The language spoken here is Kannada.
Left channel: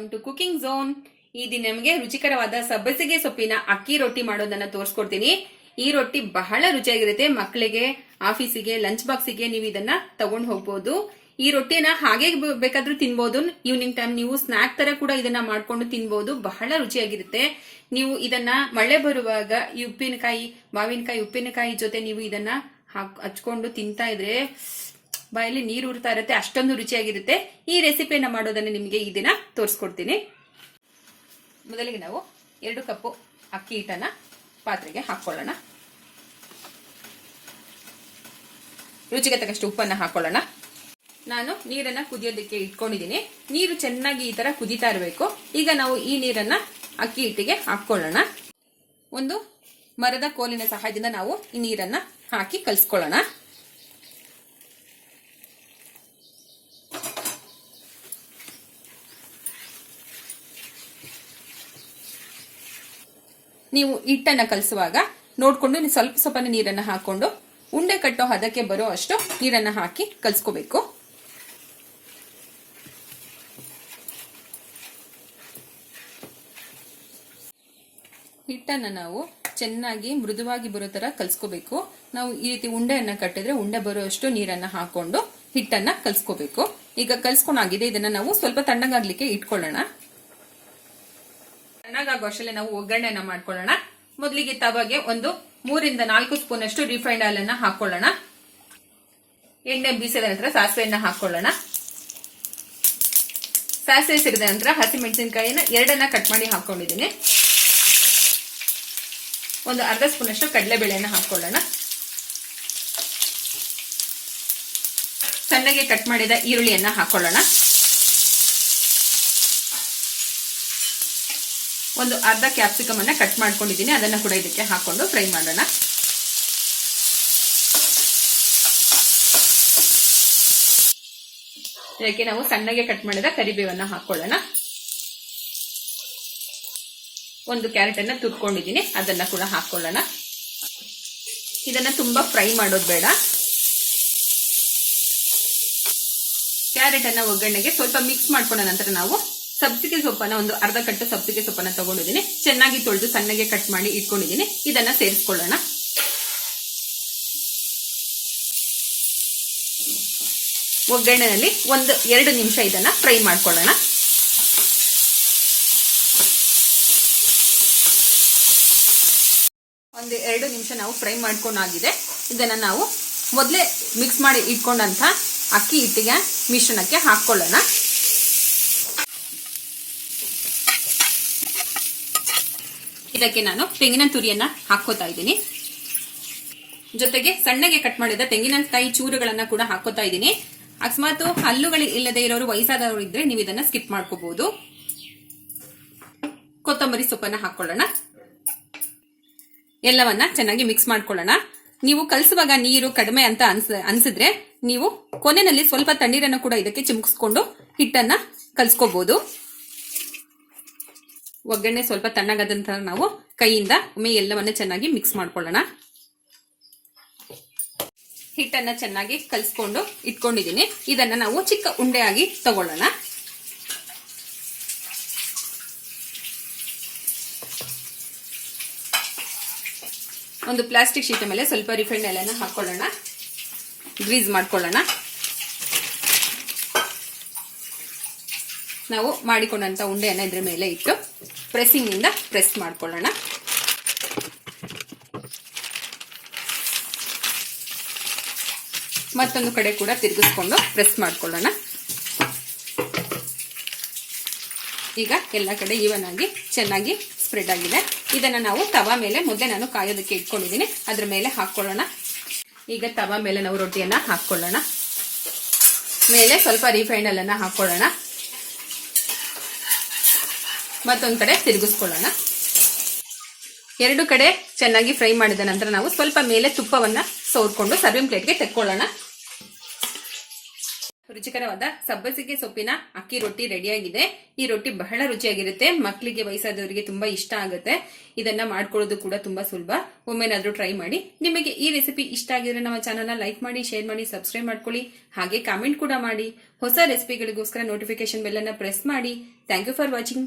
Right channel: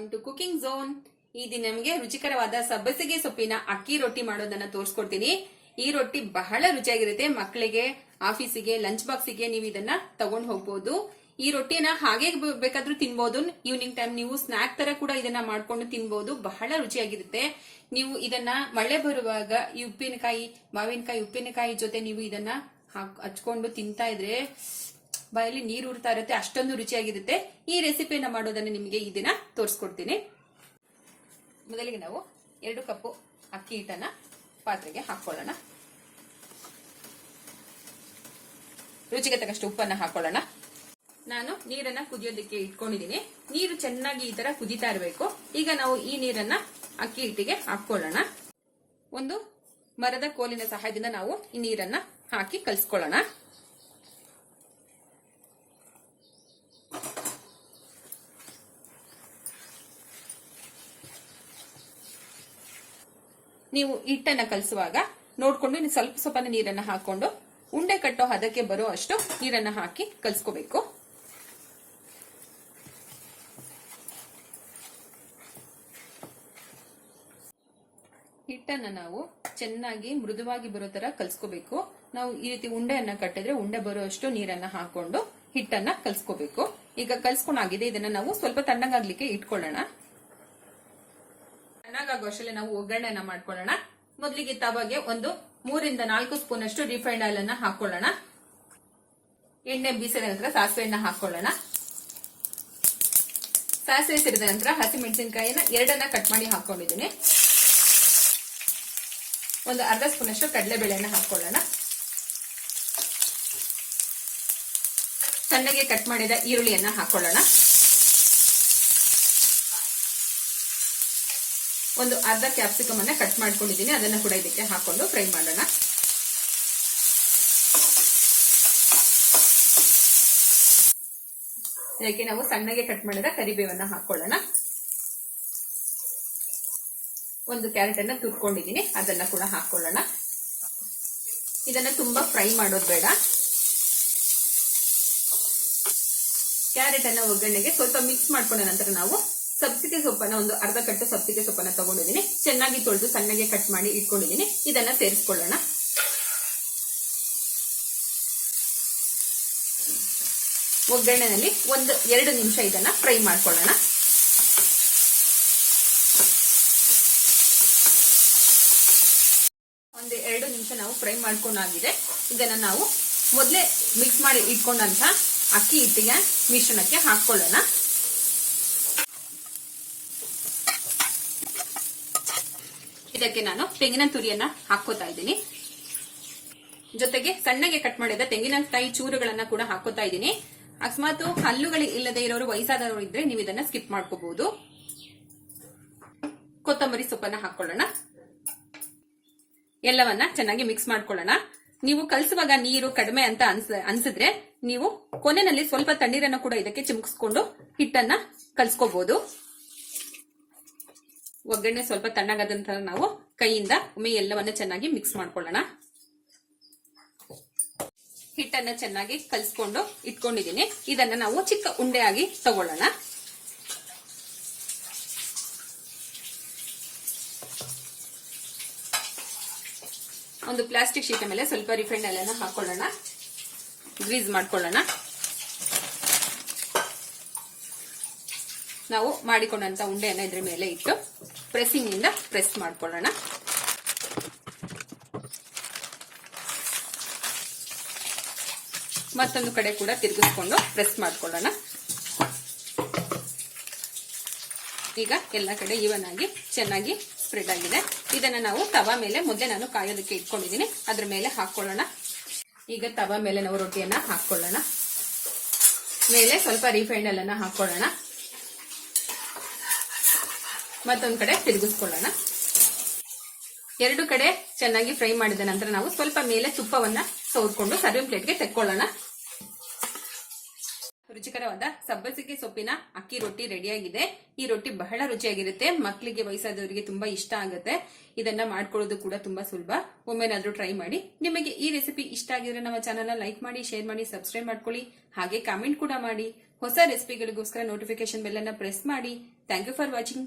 ವೆಲ್ಕಮ್ ಟು ಕುಕಿಂಗ್ ಝೋನ್ ಈ ದಿನ ನಿಮಗೆ ರುಚಿಕರವಾದ ಸಬ್ಬಸಿಗೆ ಸೊಪ್ಪಿನ ಅಕ್ಕಿ ರೊಟ್ಟಿ ಮಾಡೋದನ್ನ ತೋರಿಸ್ಕೊಡ್ತೀನಿ. ಈ ರೊಟ್ಟಿ ಬಹಳ ರುಚಿಯಾಗಿರುತ್ತೆ ಮಕ್ಕಳಿಗೆ ಆಫೀಸಿಗೆ ಲಂಚ್ ಬಾಕ್ಸಿಗೆ ನೀವು ಇದನ್ನ ತಗೊಂಡ್ ಹೋಗ್ಬೋದು. ಈ ರೊಟ್ಟಿನ ಹಾಗೆ ಬೇಕಾದ್ರೂ ತಿನ್ಬೋದು. ಈವ್ನಿಂಗ್ ಟೈಮ್ ನೀವು ಸ್ನಾಕ್ ತರ ಕೂಡ ಇದನ್ನ ಮಾಡ್ಕೊಂಡು ತಿನ್ಬೋದು. ಬಹಳ ರುಚಿಯಾಗಿರುತ್ತೆ. ನೀವು ಇದನ್ನ ಮಳೆ ಬರುವಾಗ ಈ ಉಪ್ಪಿನಕಾಯಿ, ಮಾವಿನಕಾಯಿ, ಉಪ್ಪಿನಕಾಯಿ ಜೊತೆ ನೀವು ಇದನ್ನ ಹಚ್ಕೊಂಡು ತಿಂತಾ ಇದ್ರೆ ಬಾಯಲ್ಲಿ ನೀರು ಉರ್ತಾ ಇರುತ್ತೆ, ಅಷ್ಟೊಂದು ರುಚಿಯಾಗಿರುತ್ತೆ. ಈ ರೆಸಿಪಿಯನ್ನು ಮಾಡೋದನ್ನ ನಿಮಗೆ ಈ ದಿನ ತೋರಿಸ್ಕೊಡ್ತೀನಿ. ಮೊದಲಿಗೆ ನಾವು ಎರಡು ಕಪ್ಪು ಅಕ್ಕಿ ಹಿಟ್ಟನ್ನ ಪಾತ್ರೆಗೆ ಹಾಕೊಳ್ಳೋಣ. ರುಚಿಗೆ ತಕ್ಕಷ್ಟು ಉಪ್ಪನ್ನ ಹಾಕೊಳ್ಳೋಣ. ನಾನು ನೀರನ್ನ ಕುದಿಯೋದಕ್ಕೆ ಇಟ್ಕೊಂಡಿದ್ದೀನಿ. ನೀರು ಚೆನ್ನಾಗಿ ಈ ತರ ಕುದಿತಾ ಇರಬೇಕು. ಈಗ ನಾವು ಈ ನೀರನ್ನ ಅಕ್ಕಿ ಹಿಟ್ಟಿಗೆ ಹಾಕೊಳ್ಳೋಣ. ಒಂದು ಮರದ ಕೋಲಿನ ಸಹಾಯದಿಂದ ನಾವು ಈ ನೀರನ್ನ ಹಾಕಿ ಕಲಿಸ್ಕೊಳ್ಳೋಣ. ನೀವು ಹಿಟ್ಟನ್ನ ಕಲಸುವಾಗ ನೋಡ್ಕೊಂಡು ನೀವು ಸ್ವಲ್ಪ ಸ್ವಲ್ಪ ನೀರನ್ನ ಹಾಕೊಂಡು ಉಂಡೆ ಕಟ್ಟೋ ಹದಕ್ಕೆ ಬರೋ ಅಷ್ಟು ನೀರನ್ನ ಹಾಕಿ ಕಲ್ಸ್ಕೋಬೇಕು. ಹಿಟ್ಟನ್ನ ನಾವು ಚೆನ್ನಾಗಿ ಮೃದುವಾಗಿ ಬರೋ ತರ ಕಲ್ಸ್ಕೋಬೇಕು. ನಾವು ಈ ರೀತಿ ಉಂಡೆಯನ್ನ ಕಟ್ಟಿದ್ರೆ ಉಂಡೆ ಬರೋ ಅಷ್ಟು ನೀರನ್ನ ಹಾಕೊಂಡು ಹಿಟ್ಟನ್ನ ಕಲ್ಸ್ಕೋಬೇಕು. ಈಗ ಕಲ್ಸ್ಕೊಂಡಾಗಿದೆ ಇದನ್ನ ನಾವು ಸ್ವಲ್ಪ ತಣ್ಣಗಾಗ್ಲಿಕ್ಕೆ ಇಟ್ಕೊಳ್ಳೋಣ. ತಣ್ಣಗಾಗೋ ಅಷ್ಟಲ್ಲೇ ನಾವು ಒಗ್ಗರಣೆನ ಮಾಡ್ಕೊಳ್ಳೋಣ. ಮೊದಲಿಗೆ ತವಾಗೆ ಒಂದು ಮೂರಿಂದ ನಾಲ್ಕು ಸ್ಪೂನ್ ಅಷ್ಟು ರಿಫೈಂಡ್ ಆಯಿಲ್ ಅನ್ನ ಹಾಕೊಳ್ಳೋಣ ಎಣ್ಣೆ ಬೀಸಿದ ನಂತರ ಸಾಸಿವೆಯನ್ನ ಹಾಕೊಳ್ಳೋಣ ಸಾಸಿವೆ ಸಿರಿದ ನಂತರ ಹಸಿಮೆಣಸಿನಕಾಯಿನ ಎರಡನ್ನ ಕಟ್ ಮಾಡಿ ಹಾಕೊಂಡಿದ್ದೀನಿ ಒಂದು ಅರ್ಧ ಸ್ಪೂನ್ ಅಷ್ಟು ಕಡಲೆಬೇಳೆಯನ್ನ ಹಾಕೊಳ್ಳೋಣ ಸಣ್ಣಗೆ ಕಟ್ ಮಾಡಿದ ಈರುಳ್ಳಿಯನ್ನ ಹಾಕೊಳ್ಳೋಣ ಒಂದು ಅರ್ಧ ಕ್ಯಾಪ್ಸಿಕಮ್ ಅನ್ನ ಕಟ್ ಮಾಡ್ಕೊಂಡಿದ್ದೀನಿ. ಅದನ್ನ ಕೂಡ ಇದಕ್ಕೆ ಹಾಕೊಂಡು ಫ್ರೈ ಮಾಡೋಣ. ಇದಕ್ಕೆ ನಾವು ಸಣ್ಣಗೆ ಕಟ್ ಮಾಡಿದ ಕರಿಬೇವನ್ನ ಹಾಕೊಳ್ಳೋಣ. ಒಂದು ಕ್ಯಾರೆಟ್ ಅನ್ನ ತುರ್ಕೊಂಡಿದ್ದೀನಿ. ಅದನ್ನ ಕೂಡ ಹಾಕೊಳ್ಳೋಣ. ಇದನ್ನ ತುಂಬಾ ಫ್ರೈ ಮಾಡೋದು ಬೇಡ. ಕ್ಯಾರೆಟ್ ಅನ್ನ ಒಗ್ಗರಣೆಗೆ ಸ್ವಲ್ಪ ಮಿಕ್ಸ್ ಮಾಡ್ಕೊಂಡ ನಂತರ ನಾವು ಸಬ್ಸಿಗೆ ಸೊಪ್ಪನ್ನ ಒಂದು ಅರ್ಧ ಕಟ್ಟು ಸಬ್ಸಿಗೆ ಸೊಪ್ಪನ್ನ ತಗೊಂಡಿದ್ದೀನಿ. ಚೆನ್ನಾಗಿ ತೊಳೆದು ಸಣ್ಣಗೆ ಕಟ್ ಮಾಡಿ ಇಟ್ಕೊಂಡಿದ್ದೀನಿ. ಇದನ್ನ ಸೇರಿಸ್ಕೊಳ್ಳೋಣ. ಒಗ್ಗರಣೆಯಲ್ಲಿ ಒಂದು ಎರಡು ನಿಮಿಷ ಇದನ್ನ ಫ್ರೈ ಮಾಡ್ಕೊಳ್ಳೋಣ. ಒಂದು ಎರಡು ನಿಮಿಷ ನಾವು ಫ್ರೈ ಮಾಡ್ಕೊಂಡಾಗಿದೆ. ಇದನ್ನ ನಾವು ಮೊದಲೇ ಮಿಕ್ಸ್ ಮಾಡಿ ಇಟ್ಕೊಂಡಂತ ಅಕ್ಕಿ ಹಿಟ್ಟಿಗೆ ಮಿಶ್ರಣಕ್ಕೆ ಹಾಕೊಳ್ಳೋಣ ಇದಕ್ಕೆ ನಾನು ತೆಂಗಿನ ತುರಿಯನ್ನ ಹಾಕೋತಾ ಇದ್ದೀನಿ. ಜೊತೆಗೆ ಸಣ್ಣಗೆ ಕಟ್ ಮಾಡಿದ ತೆಂಗಿನಕಾಯಿ ಚೂರುಗಳನ್ನ ಕೂಡ ಹಾಕೋತಾ ಇದ್ದೀನಿ. ಅಕಸ್ಮಾತ್ ಹಲ್ಲುಗಳು ಇಲ್ಲದೆ ಇರೋರು ವಯಸ್ಸಾದವರು ಇದ್ರೆ ನೀವು ಇದನ್ನ ಸ್ಕಿಪ್ ಮಾಡ್ಕೋಬಹುದು ಕೊತ್ತಂಬರಿ ಸೊಪ್ಪನ್ನ ಹಾಕೊಳ್ಳೋಣ. ಎಲ್ಲವನ್ನ ಚೆನ್ನಾಗಿ ಮಿಕ್ಸ್ ಮಾಡ್ಕೊಳ್ಳೋಣ. ನೀವು ಕಲಸುವಾಗ ನೀರು ಕಡಿಮೆ ಅಂತ ಅನ್ಸ, ಅನ್ಸಿದ್ರೆ ನೀವು ಕೊನೆಯಲ್ಲಿ ಸ್ವಲ್ಪ ತಣ್ಣೀರನ್ನು ಕೂಡ ಇದಕ್ಕೆ ಚಿಮುಕಿಸ್ಕೊಂಡು ಹಿಟ್ಟನ್ನ ಕಲ್ಸ್ಕೋಬಹುದು ಒಗ್ಗರಣೆ ಸ್ವಲ್ಪ ತಣ್ಣಗಾದ ನಂತರ ನಾವು ಕೈಯಿಂದ ಒಮ್ಮೆ ಎಲ್ಲವನ್ನ ಚೆನ್ನಾಗಿ ಮಿಕ್ಸ್ ಮಾಡ್ಕೊಳ್ಳೋಣ. ಹಿಟ್ಟನ್ನ ಚೆನ್ನಾಗಿ ಕಲಿಸ್ಕೊಂಡು ಇಟ್ಕೊಂಡಿದ್ದೀನಿ. ಇದನ್ನ ನಾವು ಚಿಕ್ಕ ಉಂಡೆಯಾಗಿ ತಗೊಳ್ಳೋಣ. ಒಂದು ಪ್ಲಾಸ್ಟಿಕ್ ಶೀಟ್ ಮೇಲೆ ಸ್ವಲ್ಪ ರಿಫೈಂಡ್ ಎಲ್ಲ ಹಾಕೊಳ್ಳೋಣ. ಗ್ರೀಸ್ ಮಾಡ್ಕೊಳ್ಳೋಣ. ನಾವು ಮಾಡಿಕೊಂಡಂತ ಉಂಡೆಯನ್ನ ಇದ್ರ ಮೇಲೆ ಇಟ್ಟು ಪ್ರೆಸ್ಸಿಂಗ್ ಇಂದ ಪ್ರೆಸ್ ಮಾಡ್ಕೊಳ್ಳೋಣ. ಮತ್ತೊಂದು ಕಡೆ ಕೂಡ ತಿರುಗಿಸ್ಕೊಂಡು ಪ್ರೆಸ್ ಮಾಡ್ಕೊಳ್ಳೋಣ. ಈಗ ಎಲ್ಲ ಕಡೆ ಈವನ್ ಆಗಿ ಚೆನ್ನಾಗಿ ಸ್ಪ್ರೆಡ್ ಆಗಿದೆ. ಇದನ್ನ ನಾವು ತವಾ ಮೇಲೆ ಮೊದಲೇ ನಾನು ಕಾಯೋದಕ್ಕೆ ಇಟ್ಕೊಂಡಿದ್ದೀನಿ. ಅದ್ರ ಮೇಲೆ ಹಾಕ್ಕೊಳ್ಳೋಣ. ಈಗ ತವಾ ಮೇಲೆ ನಾವು ರೊಟ್ಟಿಯನ್ನ ಹಾಕ್ಕೊಳ್ಳೋಣ. ಮೇಲೆ ಸ್ವಲ್ಪ ರಿಫೈಂಡ್ ಅನ್ನ ಹಾಕೊಳ್ಳೋಣ ಮತ್ತೊಂದು ಕಡೆ ತಿರುಗಿಸ್ಕೊಳ್ಳೋಣ. ಎರಡು ಕಡೆ ಚೆನ್ನಾಗಿ ಫ್ರೈ ಮಾಡಿದ ನಂತರ ನಾವು ಸ್ವಲ್ಪ ಮೇಲೆ ತುಪ್ಪವನ್ನು ಸೋರ್ಕೊಂಡು ಸರ್ವಿಂಗ್ ಪ್ಲೇಟ್ಗೆ ತೆಕ್ಕೊಳ್ಳೋಣ. ರುಚಿಕರವಾದ ಸಬ್ಬಸಿಗೆ ಸೊಪ್ಪಿನ ಅಕ್ಕಿ ರೊಟ್ಟಿ ರೆಡಿಯಾಗಿದೆ. ಈ ರೊಟ್ಟಿ ಬಹಳ ರುಚಿಯಾಗಿರುತ್ತೆ. ಮಕ್ಕಳಿಗೆ ವಯಸ್ಸಾದವರಿಗೆ ತುಂಬಾ ಇಷ್ಟ ಆಗುತ್ತೆ. ಇದನ್ನ ಮಾಡ್ಕೊಳ್ಳೋದು ಕೂಡ ತುಂಬಾ ಸುಲಭ. ಒಮ್ಮೆನಾದ್ರೂ ಟ್ರೈ ಮಾಡಿ. ನಿಮಗೆ ಈ ರೆಸಿಪಿ ಇಷ್ಟ ಆಗಿದ್ರೆ ನಮ್ಮ ಚಾನಲ್ನ ಲೈಕ್ ಮಾಡಿ ಶೇರ್ ಮಾಡಿ ಸಬ್ಸ್ಕ್ರೈಬ್ ಮಾಡ್ಕೊಳ್ಳಿ. ಹಾಗೆ ಕಾಮೆಂಟ್ ಕೂಡ ಮಾಡಿ. ಹೊಸ ರೆಸಿಪಿಗಳಿಗೋಸ್ಕರ ನೋಟಿಫಿಕೇಶನ್ ಬೆಲ್ ಅನ್ನ ಪ್ರೆಸ್ ಮಾಡಿ. Thank you for watching